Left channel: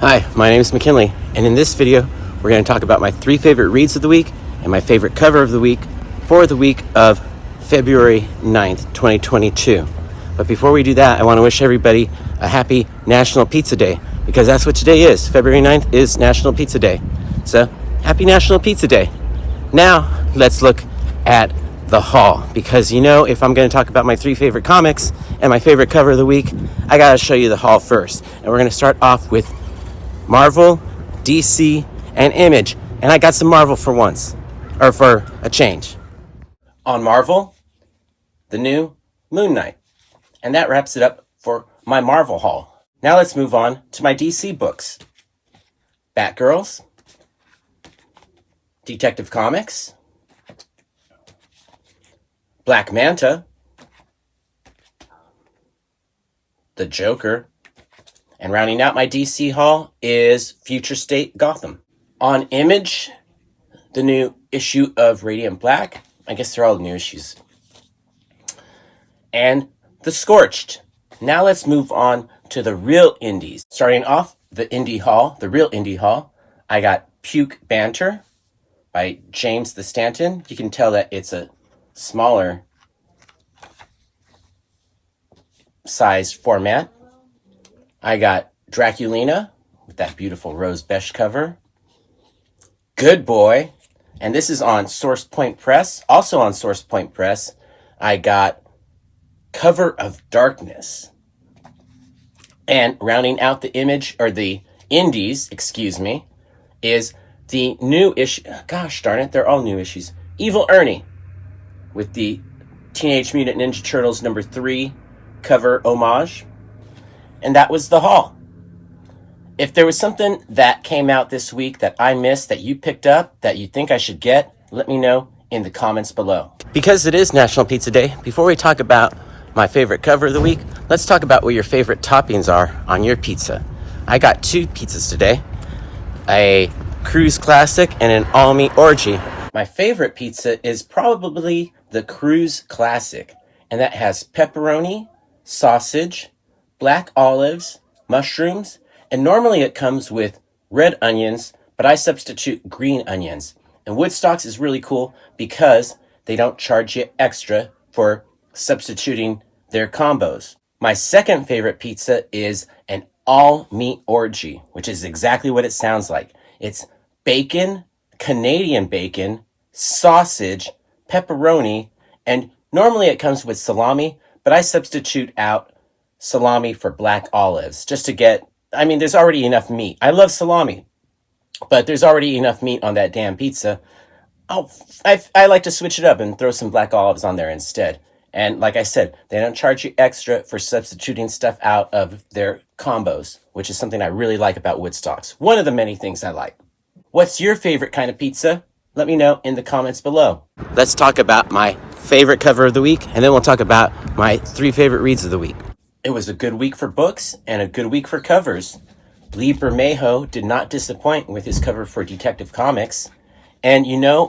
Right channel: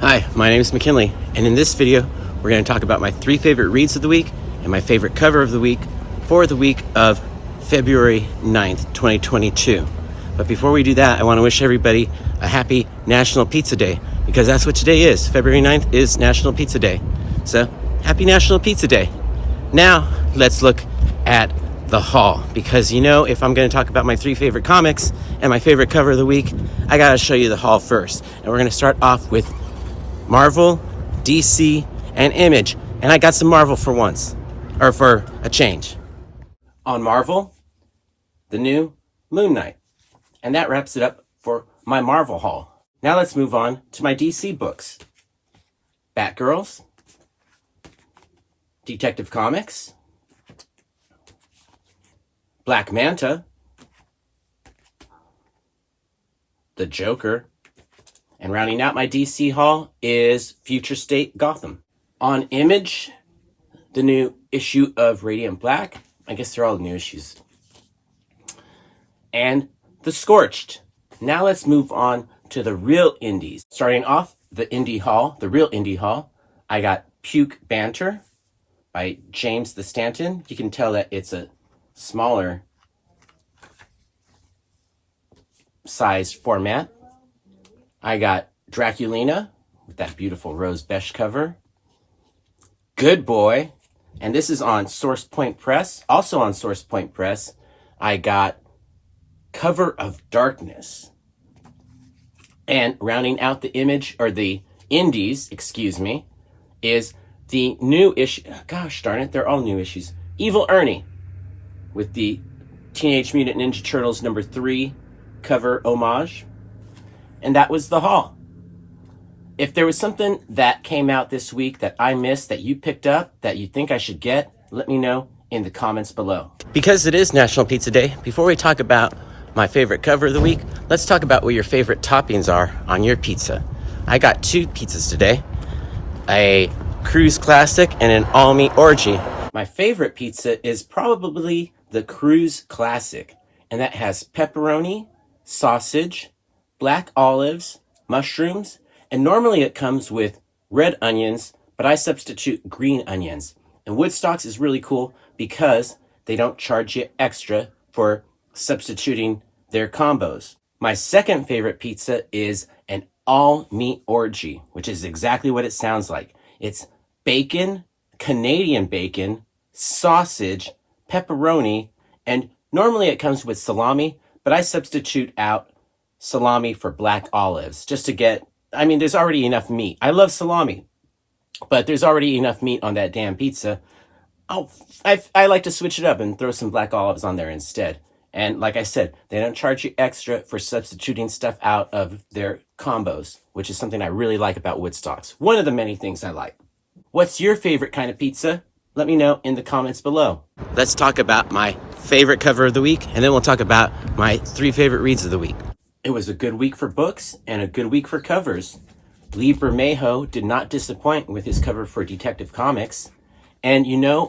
Hi, my name is McKinley, and in this video, we're going to talk about my 3 favorite reads of the week and my favorite cover of the week for the week of February 9th, 2022. But before we do that, I want to wish everybody a happy National Pizza Day, because that's what today is. February 9th is National Pizza Day. So, happy National Pizza Day. Now, let's look at the haul, because if I'm going to talk about my 3 favorite comics and my favorite cover of the week, I got to show you the haul first. And we're going to start off with Marvel, DC, and Image. And I got some Marvel for once, or for a change. On Marvel, the new Moon Knight. And that wraps it up for my Marvel haul. Now let's move on to my DC books. Batgirls, Detective Comics, Black Manta, The Joker, and rounding out my DC haul is Future State Gotham. On Image, the new issue of Radiant Black. I guess they're all new issues. And The Scorched. Now let's move on to the real indies. Starting off the real indie haul, I got Puke Banter by James the Stanton. You can tell that it's a smaller sized format. I got Draculina with that beautiful rose Besch cover. Good Boy, and this is on Source Point Press. Also on Source Point Press, I got Cover of Darkness. And rounding out the indies, is the new issue. Gosh darn it, they're all new issues. Evil Ernie with the Teenage Mutant Ninja Turtles #3 cover homage. And that was the haul. If there was something that came out this week that I missed, that you picked up, that you think I should get, let me know in the comments below. Because it is National Pizza Day, before we talk about my favorite cover of the week, let's talk about what your favorite toppings are on your pizza. I got 2 pizzas today, a Cruise Classic and an all-meat orgy. My favorite pizza is probably the Cruise Classic, and that has pepperoni, sausage, black olives, mushrooms, and normally it comes with red onions, but I substitute green onions. And Woodstock's is really cool because they don't charge you extra for substituting their combos. My second favorite pizza is an all-meat orgy, which is exactly what it sounds like. It's bacon, Canadian bacon, sausage, pepperoni, and normally it comes with salami, but I substitute out salami for black olives just to get, there's already enough meat. I love salami, but there's already enough meat on that damn pizza. I like to switch it up and throw some black olives on there instead. And like I said, they don't charge you extra for substituting stuff out of their combos, which is something I really like about Woodstock's. One of the many things I like. What's your favorite kind of pizza? Let me know in the comments below. Let's talk about my favorite cover of the week, and then we'll talk about my 3 favorite reads of the week. It was a good week for books and a good week for covers. Lee Bermejo did not disappoint with his cover for Detective Comics. And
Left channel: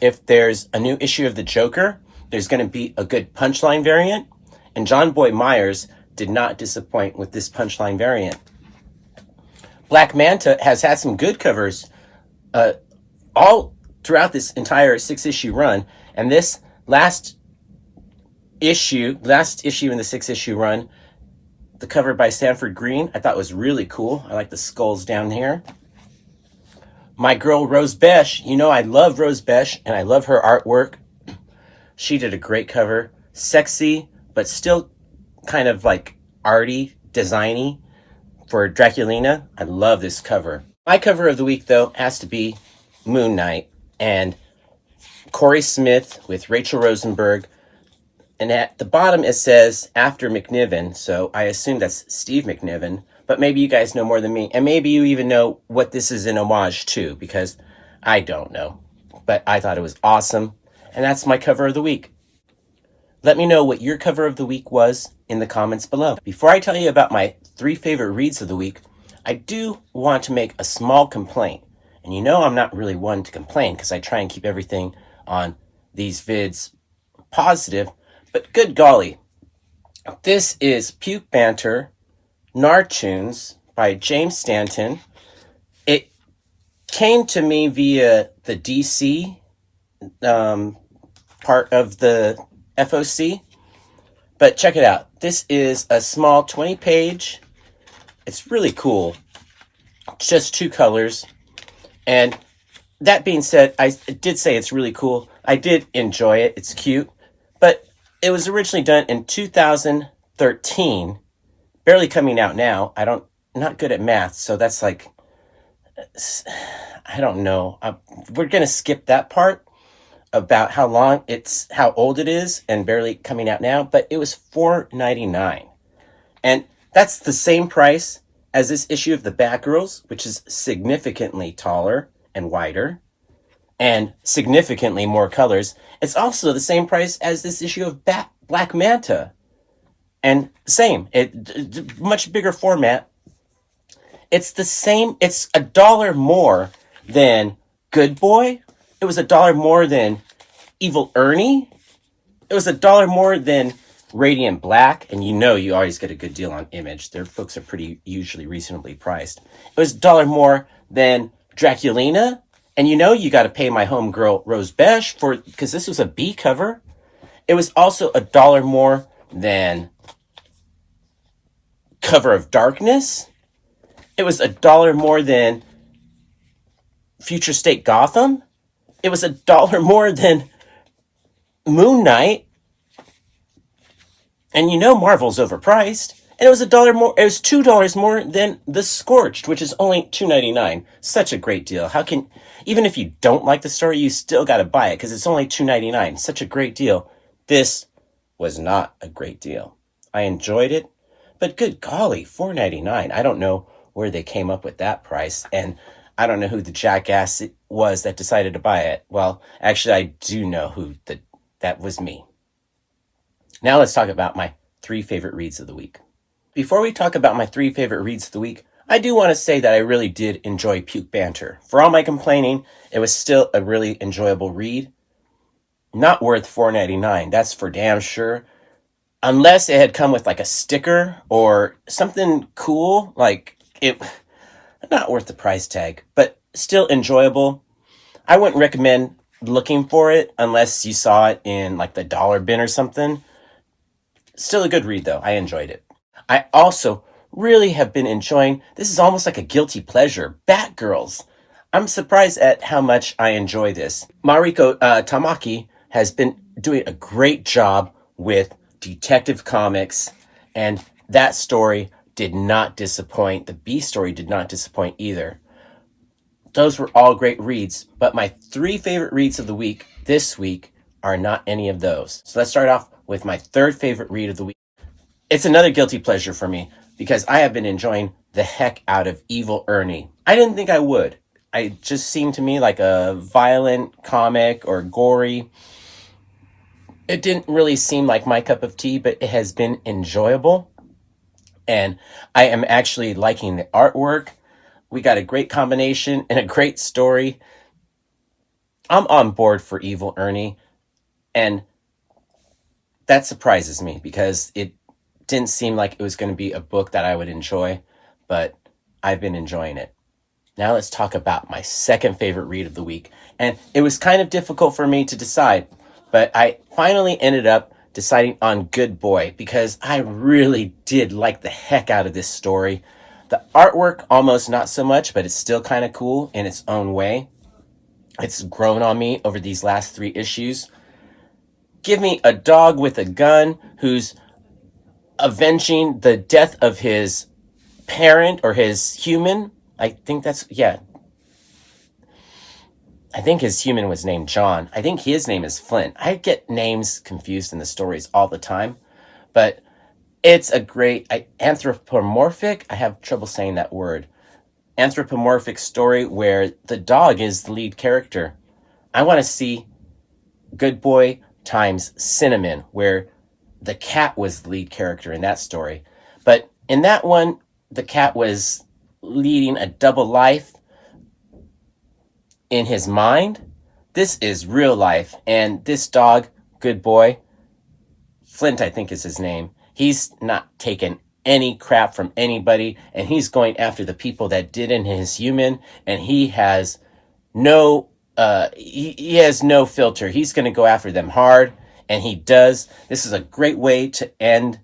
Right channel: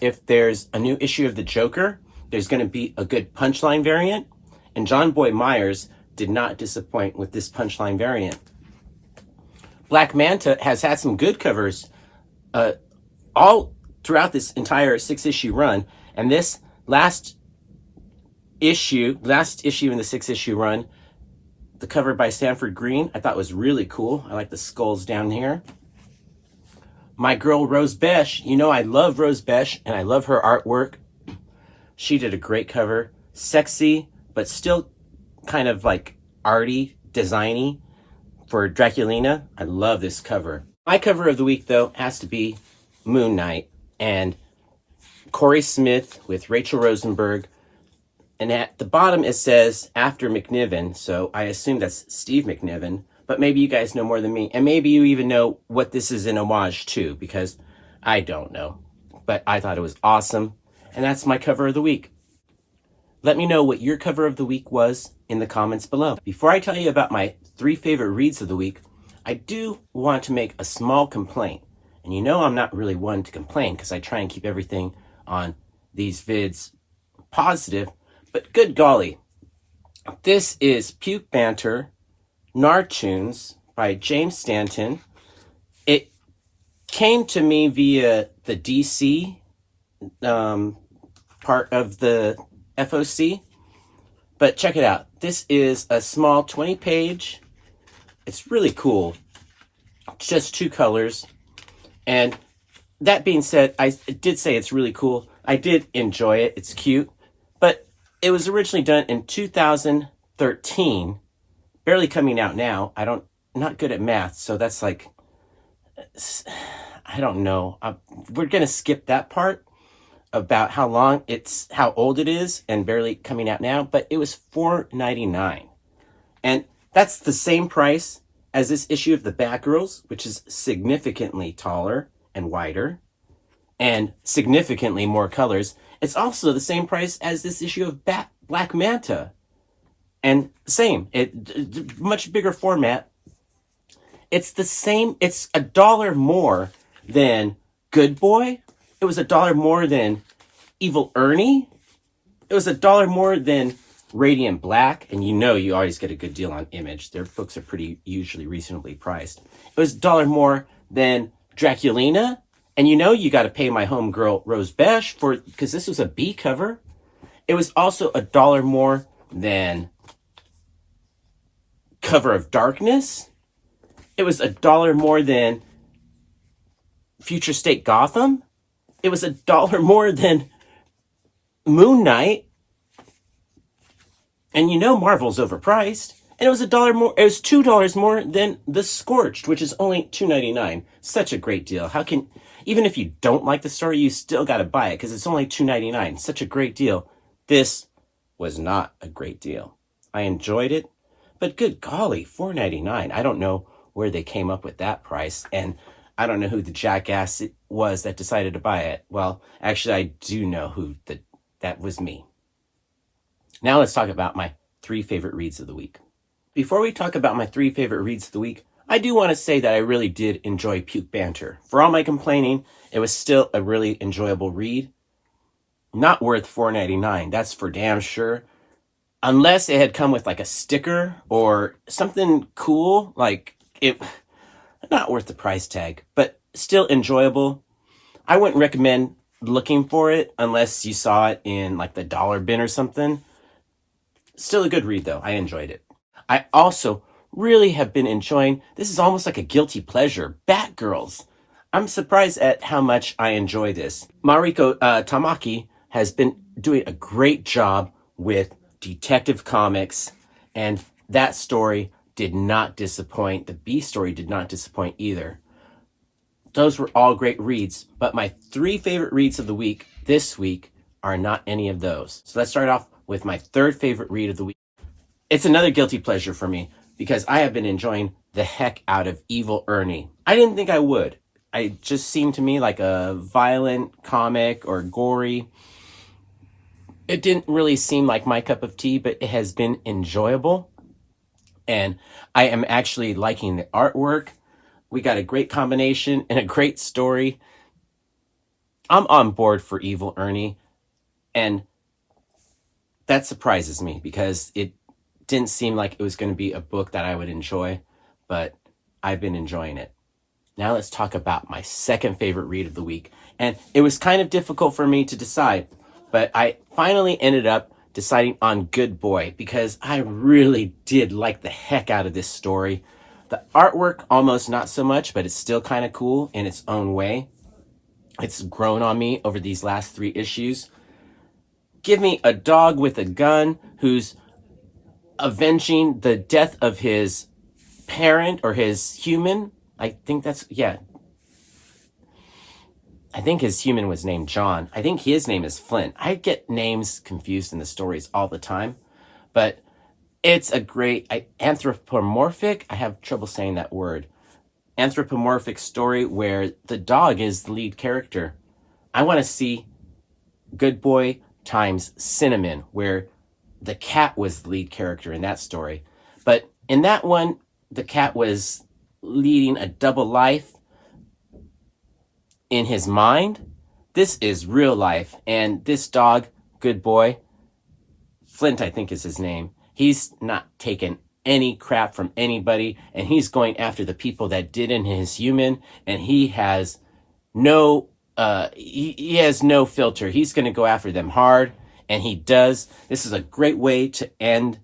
if there's a new issue of The Joker, there's going to be a good punchline variant. And John Boy Myers did not disappoint with this punchline variant. Black Manta has had some good covers all throughout this entire 6-issue run. And this last issue in the 6-issue run, the cover by Sanford Green, I thought was really cool. I like the skulls down here. My girl Rose Besch, I love Rose Besch and I love her artwork. She did a great cover. Sexy, but still kind of like arty, designy for Draculina. I love this cover. My cover of the week, though, has to be Moon Knight and Corey Smith with Rachel Rosenberg. And at the bottom, it says, after McNiven, so I assume that's Steve McNiven, but maybe you guys know more than me, and maybe you even know what this is an homage to, because I don't know. But I thought it was awesome, and that's my cover of the week. Let me know what your cover of the week was in the comments below. Before I tell you about my 3 favorite reads of the week, I do want to make a small complaint. And I'm not really one to complain, because I try and keep everything on these vids positive. But good golly, this is Puke Banter Nartoons by James Stanton. came to me via the DC part of the FOC. But check it out. This is a small 20-page. It's really cool. Just 2 colors. And that being said, I did say it's really cool. I did enjoy it. It's cute. But it was originally done in 2013. Barely coming out now. Not good at math, so that's like, I don't know. We're going to skip that part about how old it is and barely coming out now, but it was $4.99. And that's the same price as this issue of the Batgirls, which is significantly taller and wider and significantly more colors. It's also the same price as this issue of Black Manta. And same, much bigger format. It's the same, it's $1 more than Good Boy. It was $1 more than Evil Ernie. It was $1 more than Radiant Black. And you always get a good deal on Image. Their books are pretty usually reasonably priced. It was $1 more than Draculina. And you got to pay my homegirl Rose Besch because this was a B cover. It was also $1 more than Cover of Darkness. It was $1 more than Future State Gotham. It was $1 more than Moon Knight. And Marvel's overpriced. And it was $1 more. It was $2 more than The Scorched, which is only $2.99. Such a great deal. Even if you don't like the story, you still got to buy it because it's only $2.99. Such a great deal. This was not a great deal. I enjoyed it, but good golly, $4.99. I don't know where they came up with that price, and I don't know who the jackass was that decided to buy it. Well, actually, I do know that was me. Now let's talk about my 3 favorite reads of the week. Before we talk about my 3 favorite reads of the week, I do want to say that I really did enjoy Puke Banter. For all my complaining, it was still a really enjoyable read. Not worth $4.99, that's for damn sure. Unless it had come with like a sticker or something cool, like it, not worth the price tag, but still enjoyable. I wouldn't recommend looking for it unless you saw it in like the dollar bin or something. Still a good read though. I enjoyed it. I also really have been enjoying, this is almost like a guilty pleasure, Batgirls. I'm surprised at how much I enjoy this. Mariko Tamaki has been doing a great job with Detective Comics, and that story did not disappoint. The B story did not disappoint either. Those were all great reads, but my 3 favorite reads of the week this week are not any of those. So let's start off with my 3rd favorite read of the week. It's another guilty pleasure for me because I have been enjoying the heck out of Evil Ernie. I didn't think I would. It just seemed to me like a violent comic or gory. It didn't really seem like my cup of tea, but it has been enjoyable. And I am actually liking the artwork. We got a great combination and a great story. I'm on board for Evil Ernie. And that surprises me because it didn't seem like it was going to be a book that I would enjoy, but I've been enjoying it. Now let's talk about my 2nd favorite read of the week. And it was kind of difficult for me to decide, but I finally ended up deciding on Good Boy because I really did like the heck out of this story. The artwork, almost not so much, but it's still kind of cool in its own way. It's grown on me over these last 3 issues. Give me a dog with a gun who's avenging the death of his parent or his human. I think his human was named John. I think his name is Flint. I get names confused in the stories all the time, but it's a great anthropomorphic. I have trouble saying that word. Anthropomorphic story where the dog is the lead character. I want to see Good Boy times Cinnamon, where the cat was the lead character in that story. But in that one, the cat was leading a double life in his mind. This is real life. And this dog, Good Boy, Flint, I think is his name. He's not taking any crap from anybody. And he's going after the people that did in his human. And he has no, he has no filter. He's going to go after them hard, and he does. This is a great way to end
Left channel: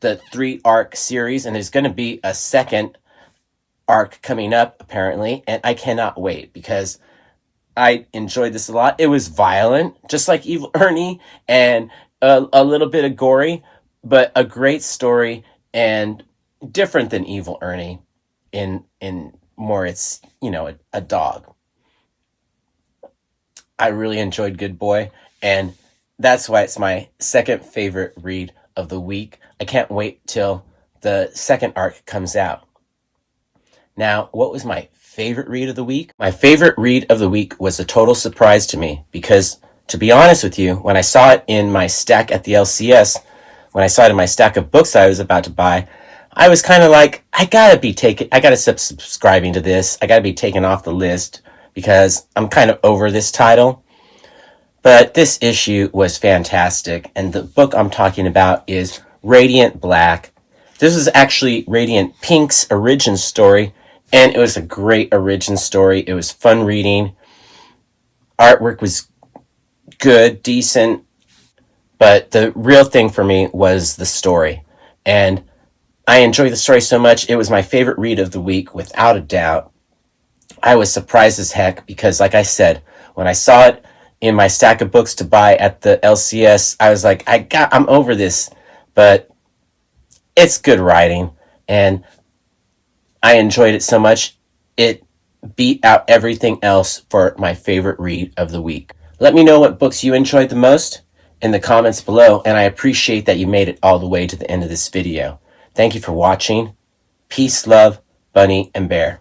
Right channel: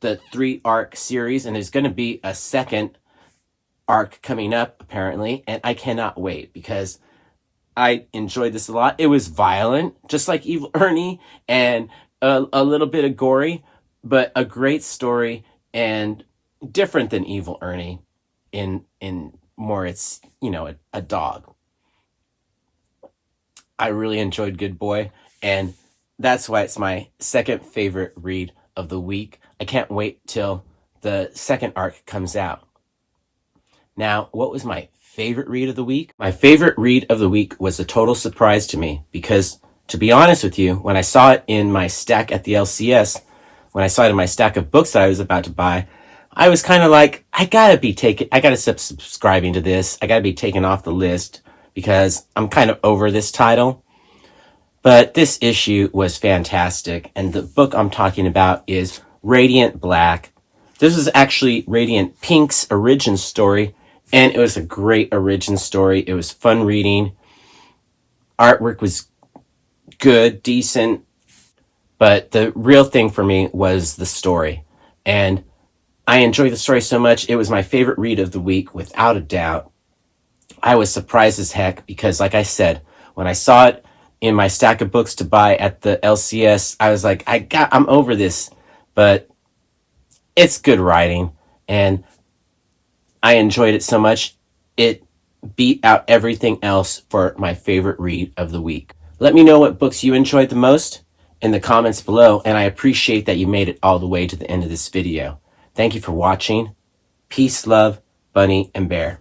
the 3-arc series, and there's going to be a second arc coming up, apparently, and I cannot wait because I enjoyed this a lot. It was violent, just like Evil Ernie, and a little bit of gory, but a great story and different than Evil Ernie in more it's, a dog. I really enjoyed Good Boy, and that's why it's my second favorite read of the week. I can't wait till the second arc comes out. Now, what was my favorite read of the week? My favorite read of the week was a total surprise to me because, to be honest with you, when I saw it in my stack at the LCS, when I saw it in my stack of books I was about to buy, I was kind of like, I gotta stop subscribing to this. I gotta be taken off the list because I'm kind of over this title. But this issue was fantastic, and the book I'm talking about is Radiant Black. This was actually Radiant Pink's origin story, and it was a great origin story. It was fun reading. Artwork was good, decent, but the real thing for me was the story. And I enjoyed the story so much. It was my favorite read of the week, without a doubt. I was surprised as heck because, like I said, when I saw it in my stack of books to buy at the LCS, I was like, I'm over this, but it's good writing, and I enjoyed it so much, it beat out everything else for my favorite read of the week. Let me know what books you enjoyed the most in the comments below, and I appreciate that you made it all the way to the end of this video. Thank you for watching. Peace, love, Bunny, and Bear.